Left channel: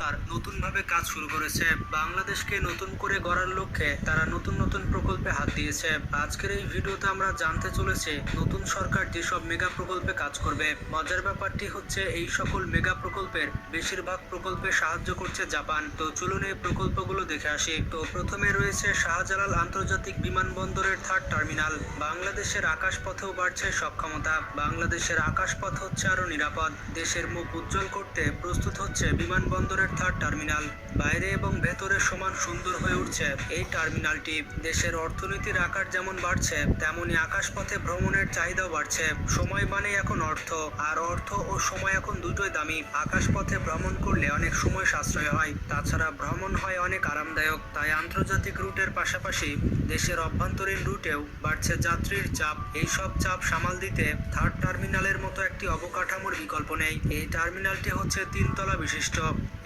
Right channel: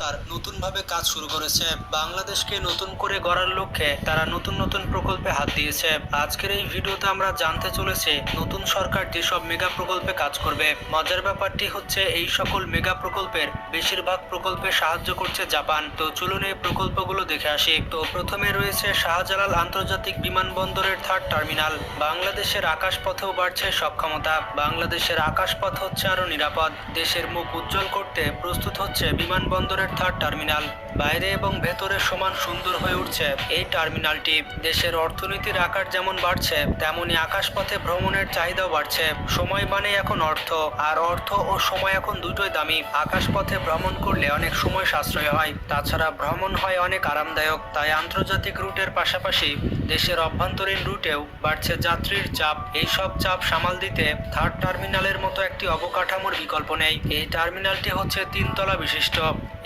সরকার নতুনভাবে কাজ শুরু করেছে। বাংলাদেশকে নতুন করে গড়ার লক্ষ্যে তারা নতুন নতুন প্রকল্পে হাত দিয়েছে। আজকের এই ভিডিওতে আমরা জানতে চলেছি, নতুন সরকার যেসব মেগা প্রকল্পে কাজ করবে। মজার ব্যাপারটি হচ্ছে, এই সকল মেগা প্রকল্পের বেশিরভাগ প্রকল্পে সাহায্য করছে জাপান। তো চলুন এই প্রকল্পগুলো দেখে আসি। তো প্রথমে রয়েছে শাহজালাল আন্তর্জাতিক বিমানবন্দরের থার্ড টার্মিনাল। বাংলাদেশের আকাশপথেও বাড়ছে সক্ষমতা। বাংলাদেশের আকাশপথ হচ্ছে আরও নিরাপদ। দেশের মুখ উজ্জ্বল করতে প্রস্তুত হচ্ছে বিমানবন্দরের থার্ড টার্মিনাল বাইরে এবং ভেতরে সমান সুন্দর হয়ে উঠছে। এই টার্মিনালটি দেশের অর্থনীতির আকার যেমন বাড়ছে, তেমনি আকাশপথে ভ্রমণের চাহিদাও বাড়ছে। সময় মানে এখন অর্থ, আর অর্থ ও সময় এখন দুটোই দামি। আকাশপথে ভ্রমণ করলে অনেক সময় সাশ্রয় হয়। তাছাড়া ভ্রমণ হয় অনেক আরামদায়ক, তাই আন্তর্জাতিক রুটের পাশাপাশি দেশের অভ্যন্তরীণ রুটেও বাড়ছে যাত্রীর চাপ। এই সব চাপ সামাল দিতে থার্ড টার্মিনালের মতো একটি অবকাঠামোর বিকল্প নেই। এই টার্মিনালটি হচ্ছে তিনতলা বিশিষ্ট।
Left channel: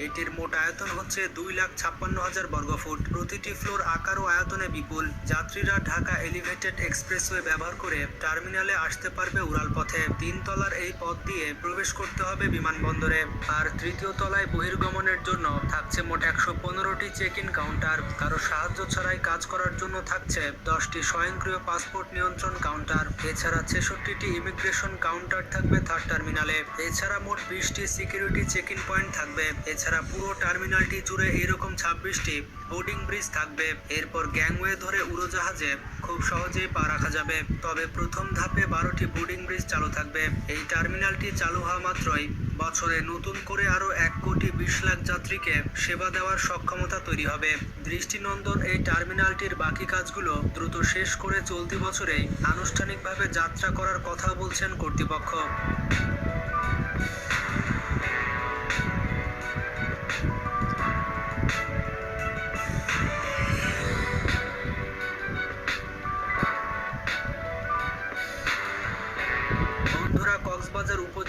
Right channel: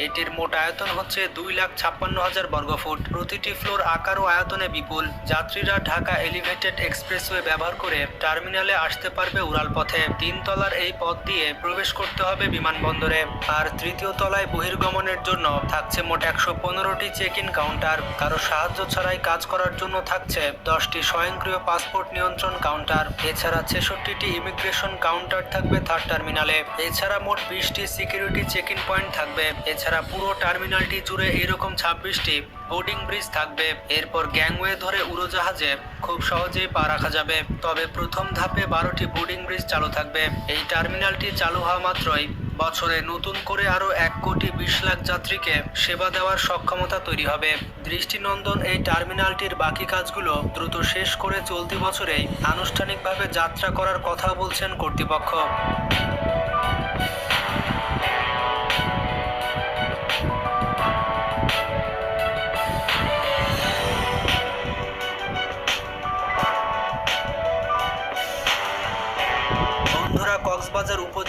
এটির মোট আয়তন হচ্ছে দুই লাখ ছাপ্পান্ন হাজার বর্গফুট। প্রতিটি ফ্লোর আকার ও আয়তনে বিপুল। যাত্রীরা ঢাকা এলিভেটেড এক্সপ্রেসওয়ে ব্যবহার করে টার্মিনালে আসতে পারবে উড়াল পথে তিন তলার এই পথ দিয়ে প্রবেশ করতে হবে বিমানবন্দরে। আর তৃতীয় তলায় বহির্গমনের জন্য থাকছে মোট একশো পনেরোটি চেক ইন কাউন্টার। কারও সাহায্য ছাড়াই কাজ করার জন্য থাকছে দশটি স্বয়ংক্রিয় পাসপোর্ট নিয়ন্ত্রণ কাউন্টার। এছাড়া ছেষট্টিটি ইমিগ্রেশন কাউন্টার থাকবে থার্ড টার্মিনালে। এছাড়া মোট বিশটি সিকিউরিটি চেক ইন পয়েন্ট থাকবে। এছাড়া পুরো টার্মিনালটি জুড়ে এরকম ছাব্বিশটি বোর্ডিং ব্রিজ থাকবে। এরপর গ্যাংওয়ে ধরে উড়োজাহাজে খুব সহজেই পা রাখা যাবে। তবে প্রথম ধাপে বারোটি বোর্ডিং ব্রিজ চালু থাকবে। এই টার্মিনালটি চালু হওয়া মাত্রই বছরে নতুন করে আরও এক কোটি বিশ লাখ যাত্রীকে সেবা দেওয়ার সক্ষমতা তৈরি হবে। দৃষ্টিনন্দন এই টার্মিনালটির বাকি কাজগুলো দ্রুত শেষ করে চলতি বছরেই আনুষ্ঠানিকভাবে যাত্রা করার কথা বলছেন কর্তৃপক্ষ।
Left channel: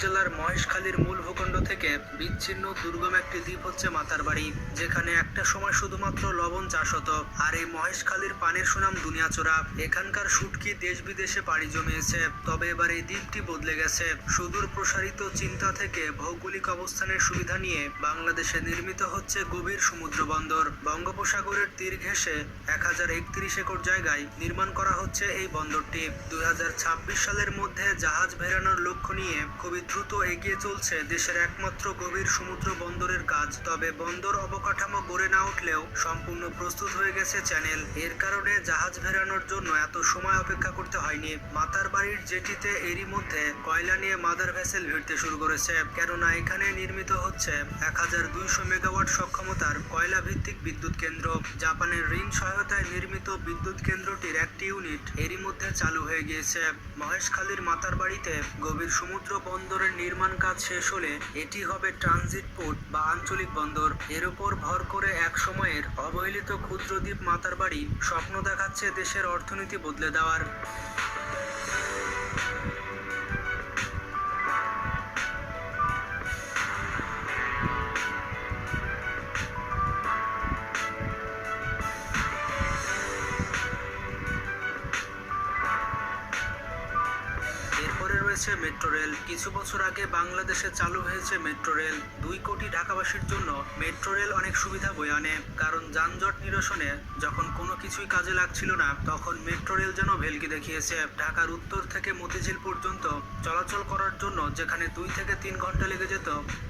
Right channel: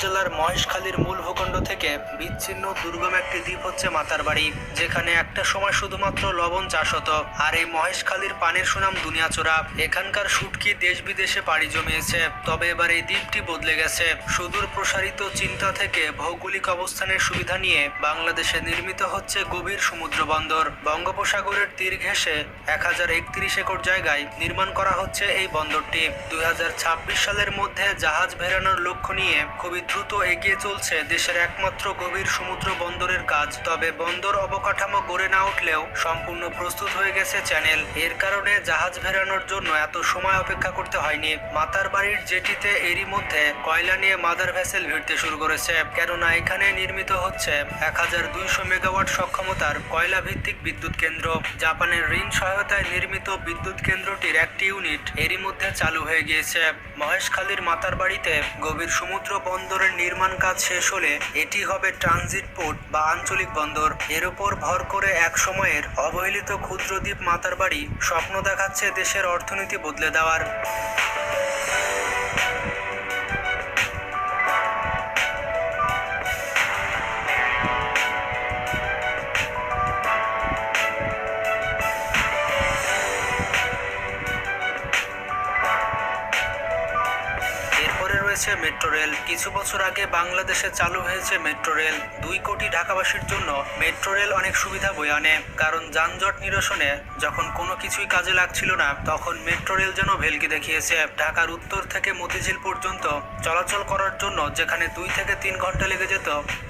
উপজেলার মহেশখালীর মূল ভূখণ্ড থেকে বিচ্ছিন্ন দুর্গম একটি দ্বীপ হচ্ছে মাতারবাড়ি যেখানে একটা সময় শুধুমাত্র লবণ চাষ হতো। আর এই মহেশখালীর পানির সুনাম দুনিয়াচোরা। এখানকার শুটকি দেশ বিদেশে পাড়ি জমিয়েছে। তবে এবার এই দ্বীপটি বদলে গেছে। সুদূর প্রসারিত চিন্তা থেকে ভৌগোলিক অবস্থানের সুবিধা নিয়ে বাংলাদেশে নির্মিত হচ্ছে গভীর সমুদ্র বন্দর। বঙ্গোপসাগরের তীর ঘেঁষে এক হাজার একত্রিশ একর জায়গায় নির্মাণ করা হচ্ছে এই বন্দরটি। দুই হাজার ছাব্বিশ সালের মধ্যে জাহাজ ভেড়ানোর লক্ষ্য নিয়ে খুবই দ্রুত এগিয়ে চলছে দেশের একমাত্র গভীর সমুদ্র বন্দরের কাজ, তবে বন্দর অবকাঠামো গড়ে না উঠলেও সম্পূর্ণ প্রস্তুত হয়ে গেছে চ্যানেল। এর কারণে জাহাজ ভেড়ানোর জন্য এত সময় অপেক্ষা করতে হয়নি। মাতার বাড়ির জেটিতে এরই মধ্যে কয়লা নিয়ে মাদার ভেসেল ভিড়তে শুরু করেছে, কেননা এখানে নির্মিত হচ্ছে এক হাজার দুইশো মেগাওয়াট সক্ষমতার কয়লা ভিত্তিক বিদ্যুৎ কেন্দ্র। জাপানের ঋণ সহায়তায় নির্মিত বিদ্যুৎ কেন্দ্রটির একটি ইউনিট এরই মধ্যে চালু হয়ে গিয়েছে। মহেশখালীর মাতার বাড়িতে গভীর সমুদ্র বন্দরের নির্মাণ কাজ শেষ হলে এটি হবে ট্রানজিট পোর্ট বা আঞ্চলিক বন্দর। এর উপর ভর করে এক সময়ের অবহেলিত ক্ষুদ্রদ্বীপ মাতার বাড়ি স্বপ্ন দেখাচ্ছে দেশের অর্থনীতি বদলে দেওয়ার। রয়েছে মেট্রো রেল। কিছু বছর আগে বাংলাদেশে চালু হয়েছে মেট্রো রেল। দুই কোটি ঢাকাবাসীর জন্য মেট্রো রেল অনেক সুবিধা বয়ে আনে। কারণ যানজট নিরসনে যখন কোনো কিছুই কাজে লাগছিল না, তখন মেট্রো রেল যেন ভেলকি দেখিয়েছে। ঢাকার উত্তর থেকে মতিঝিল পর্যন্ত চলাচল করার জন্য যেখানে দুই থেকে তিন ঘণ্টা লেগে যেত,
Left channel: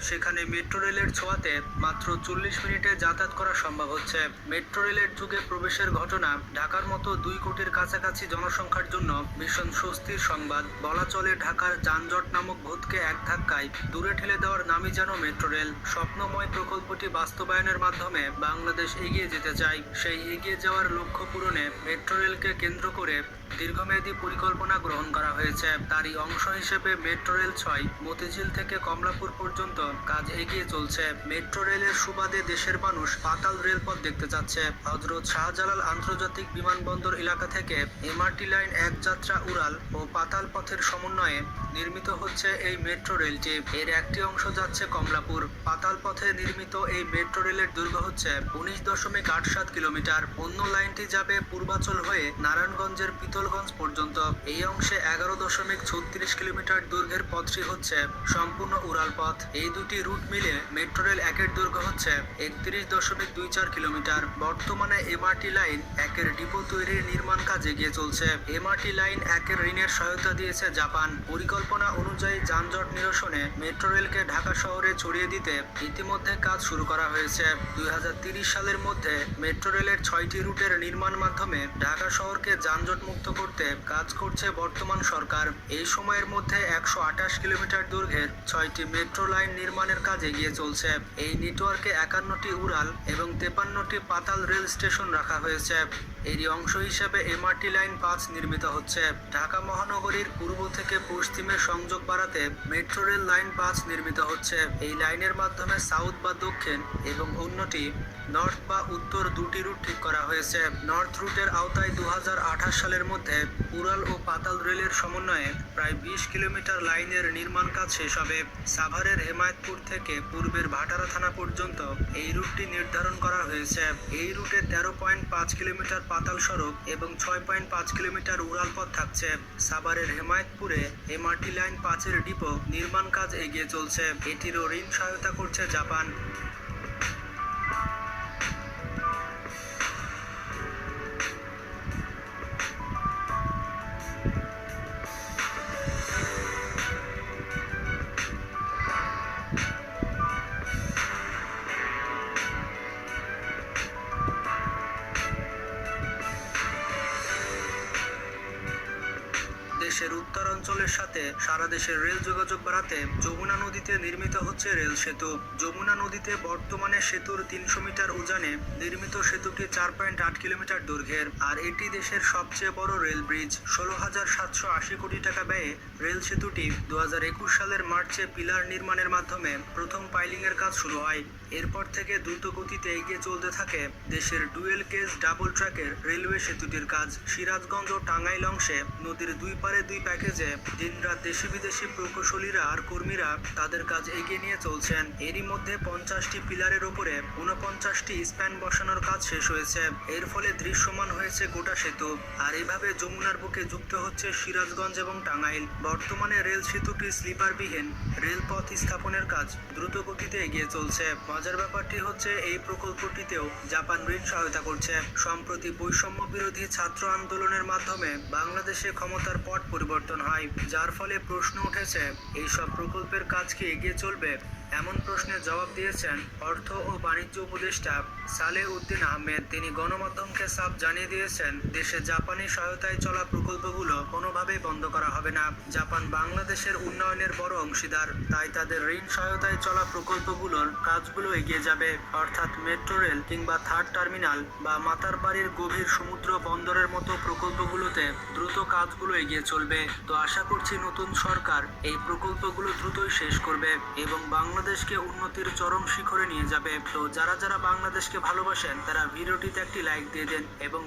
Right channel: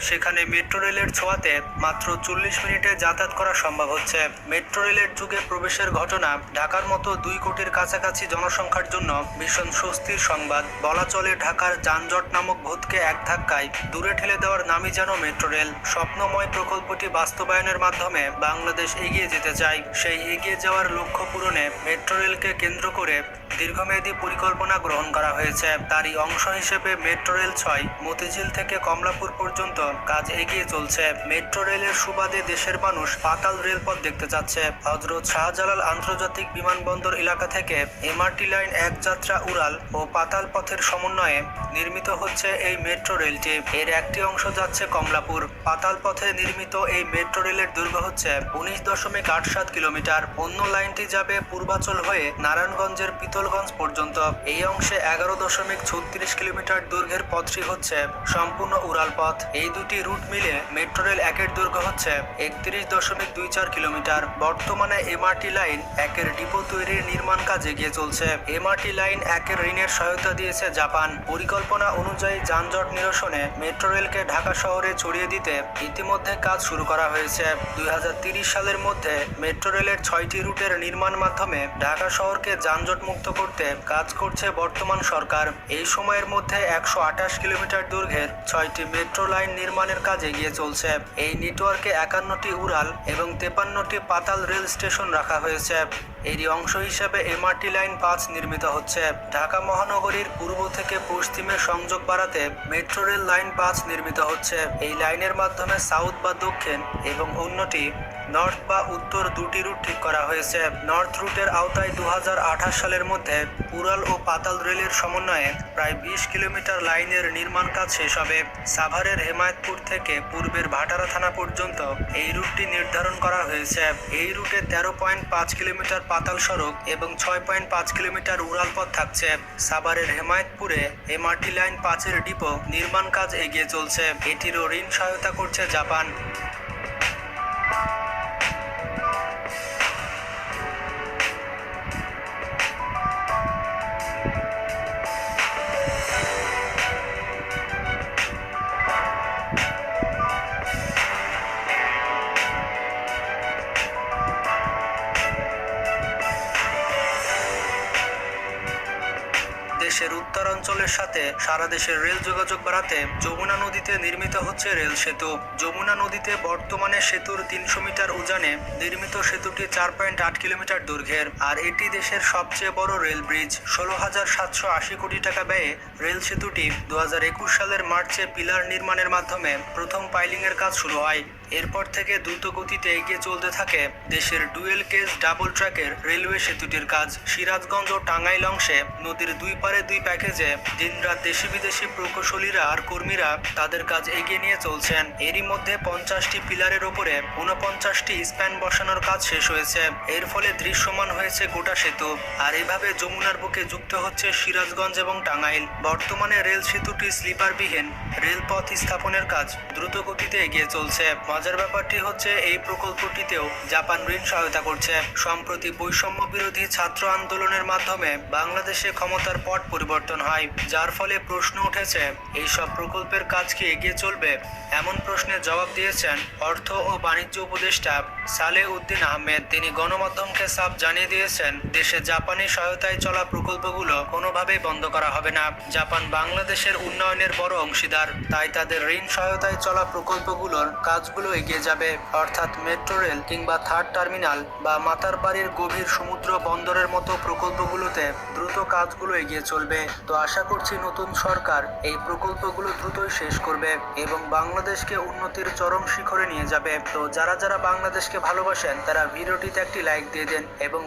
সেখানে মেট্রো রেলের ছোঁয়াতে মাত্র চল্লিশ মিনিটে যাতায়াত করা সম্ভব হচ্ছে। মেট্রো রেলের যুগে প্রবেশের ঘটনা ঢাকার মতো দুই কোটির কাছাকাছি জনসংখ্যার জন্য ভীষণ স্বস্তির সংবাদ। বলা চলে ঢাকার যানজট নামক ভূতকে এক ধাক্কায় দূরে ঠেলে দেওয়ার নামই যেন মেট্রো রেল। স্বপ্নময় প্রকল্পটি বাস্তবায়নের মাধ্যমে বাংলাদেশ এগিয়ে যেতে চায়। সেই এগিয়ে যাওয়ার লক্ষ্য পূরণে মেট্রো রেলকে কেন্দ্র করে দীর্ঘমেয়াদী পরিকল্পনা গ্রহণ করা হয়েছে। তারই অংশ হিসেবে মেট্রো রেল ছয়, মতিঝিল থেকে কমলাপুর পর্যন্ত কাজ এগিয়ে চলছে। মেট্রো রেলের সুবাদে দেশের মানুষ পাতাল রেলপথ দেখতে যাচ্ছে হজরত শাহজালাল আন্তর্জাতিক বিমানবন্দর এলাকা থেকে এমআরটি লাইন এক যাত্রা উড়াল ও পাতাল পথের সমন্বয়ে নির্মিত হচ্ছে এই মেট্রো রেলটি। এর একটি অংশ যাচ্ছে কমলাপুর। পাতাল পথে নির্মিত এই মেট্রো রেলের দৈর্ঘ্য হচ্ছে উনিশ দশমিক আট সাত কিলোমিটার। অন্য লাইনটি যাবে পূর্বাচল হয়ে নারায়ণগঞ্জের পিতলগঞ্জ পর্যন্ত। এই অংশে এগারো দশমিক ছত্রিশ কিলোমিটার দৈর্ঘ্যের পথটি হচ্ছে সম্পূর্ণ উড়াল পথ। এই দুটি রুট মিলে মেট্রো রেল একের দৈর্ঘ্য হচ্ছে একত্রিশ দশমিক দুই চার কিলোমিটার। বর্তমানে এমআরটি লাইন একের ডিপো তৈরির নির্মাণ কাজ এগিয়ে চলছে। এমআরটি লাইন একের ঋণের সহায়তা দিয়েছে জাপান। পরিকল্পনা অনুযায়ী যানজট নিরসনে মেট্রো রেলকে ঢাকা শহরে ছড়িয়ে দিতে ইতিমধ্যে কাজ শুরু করা হয়েছে। দুই সালের মধ্যে মেট্রো রেলের ছয়টি রুটের নির্মাণ মাধ্যমে ঢাকা শহরকে যানজট মুক্ত করতে কাজ করছে বর্তমান সরকার। এই সময়ের মধ্যে একশো আঠাশ কিলোমিটার দৈর্ঘ্যের ছয়টি মেট্রো লাইন নির্মাণের কাজ এগিয়ে চলছে। এই নেটওয়ার্কে একান্নটি উড়াল এবং তেপান্নটি পাতাল রেল স্টেশন রাখা হয়েছে। এরই অংশ হিসেবে এমআরটি লাইন পাঁচ নির্মিত হচ্ছে। ঢাকা মহানগরীর পূর্ব থেকে পশ্চিমে সংযোগ বাড়াতে মেট্রো রেল লাইন পাঁচ নির্মিত হচ্ছে। এই লাইনের মাধ্যমে সাউথ বা দক্ষিণ এবং অন্যটি নর্থ বা উত্তর দুটি রুট ঠিক করা হয়েছে। নর্থ রুটের আওতায় দু হাজার আঠাশ সালের মধ্যে উড়াল ও পাতাল রেলের সমন্বয়ে প্রায় বিশ কিলোমিটার লাইনের নির্মাণ কাজ শেষ হবে। সাভারের হেমায়তপুর থেকে পূর্বের ভাটারা থানা পর্যন্ত এই রুটটি নির্ধারণ করা হয়েছে। এই রুটে তেরো পয়েন্ট পাঁচ কিলোমিটার পাতাল সড়ক এবং ছয় পয়েন্ট পাঁচ কিলোমিটার উড়াল পথ থাকছে। সাভারের হেমায়তপুরে এমআরটি লাইন পাঁচের ডিপো নির্মাণ কাজ এগিয়ে চলছে। এটিরও ঋণ সহায়তা করছে জাপান। দেশের উত্তরাঞ্চলের সাথে সারা দেশের রেল যোগাযোগ বাড়াতে যমুনা নদীতে নির্মিত হচ্ছে রেল সেতু। যমুনা নদীতে বর্তমানে সেতুর তিনশো মিটার উজানে নির্মিত সেতুটি চার পয়েন্ট আট কিলোমিটার দৈর্ঘ্যের, আর এটি দেশের সবচেয়ে বড় রেল ব্রিজ। ষোলো হাজার সাতশো আশি কোটি টাকা ব্যয়ে রেল সেতুটি দু হাজার একুশ সালের মার্চে পিলার নির্মাণের মাধ্যমে প্রথম পাইলিং এর কাজ শুরু হয়। এরপর থেকে দ্রুত গতিতে এগিয়ে চলতে থাকে দেশের ডুয়েল কেজ ডাবল ট্র্যাকের রেলওয়ে সেতুটির কাজ। সিরাজগঞ্জ ও টাঙ্গাইল অংশে নদীর দুই পারে দুই প্যাকেজে দিনরাত দেশি বিদেশি প্রকৌশলীরা আর কর্মীরা তাদের কাজ এগিয়ে নিয়ে চলছেন। এরই মধ্যে পঞ্চাশটি পিলারের ওপরে ঊনপঞ্চাশটি স্প্যান বসানোর কাজ শেষ হয়েছে। এর ফলে দৃশ্যমান হয়েছে গোটা সেতু। আর এভাবে যমুনার বুকে যুক্ত হচ্ছে সিরাজগঞ্জ এবং টাঙ্গাইল। বর্তমানে রেল সেতুটি স্লিপারবিহীন রেলপথ স্থাপনের কাজ দ্রুত গতিতে এগিয়ে চলছে। মজার ব্যাপারটি হচ্ছে এই প্রকল্পটিতেও জাপান ঋণ সহায়তা করছে। সম্প্রতি বৈষম্য বিরোধী ছাত্র আন্দোলনের মাধ্যমে বাংলাদেশে ক্ষমতার পট পরিবর্তন হয়, যার ফলে প্রশ্ন উঠেছে, এই সব প্রকল্পের কাজ কি এগিয়ে চলবে? এমন প্রশ্নের জবাব দিয়েছেন অর্থ ও বাণিজ্য উপদেষ্টা সালে উদ্দিন আহমেদ, তিনি গণমাধ্যমকে সাফ জানিয়ে দিয়েছেন, দেশে জাপানি সহায়তায় চলা প্রকল্পগুলো কোনোভাবেই বন্ধ করা হবে না। জাপান বাংলাদেশের উন্নয়নের বড় অংশীদার, তাই তাদের ঋণ সহায়তায় চলা প্রকল্পগুলোর কাজগুলো এগিয়ে যাবে। অর্থাৎ মেট্রো রেল কিংবা থার্ড টার্মিনাল বা মাতার বাড়ির গভীর সমুদ্র বন্দরের মতো প্রকল্পগুলোতে দ্রুত কাজগুলো এগিয়ে চলবে। তো আশা করছি নতুন সরকার এই প্রকল্পগুলো দ্রুতই শেষ করবে এবং বাংলাদেশকে উন্নতির চরম শিখরে নিয়ে যাবে। তো যারা যারা বাংলাদেশকে ভালোবাসেন তারা ভিডিওটিতে একটি লাইক দিয়ে দেন এবং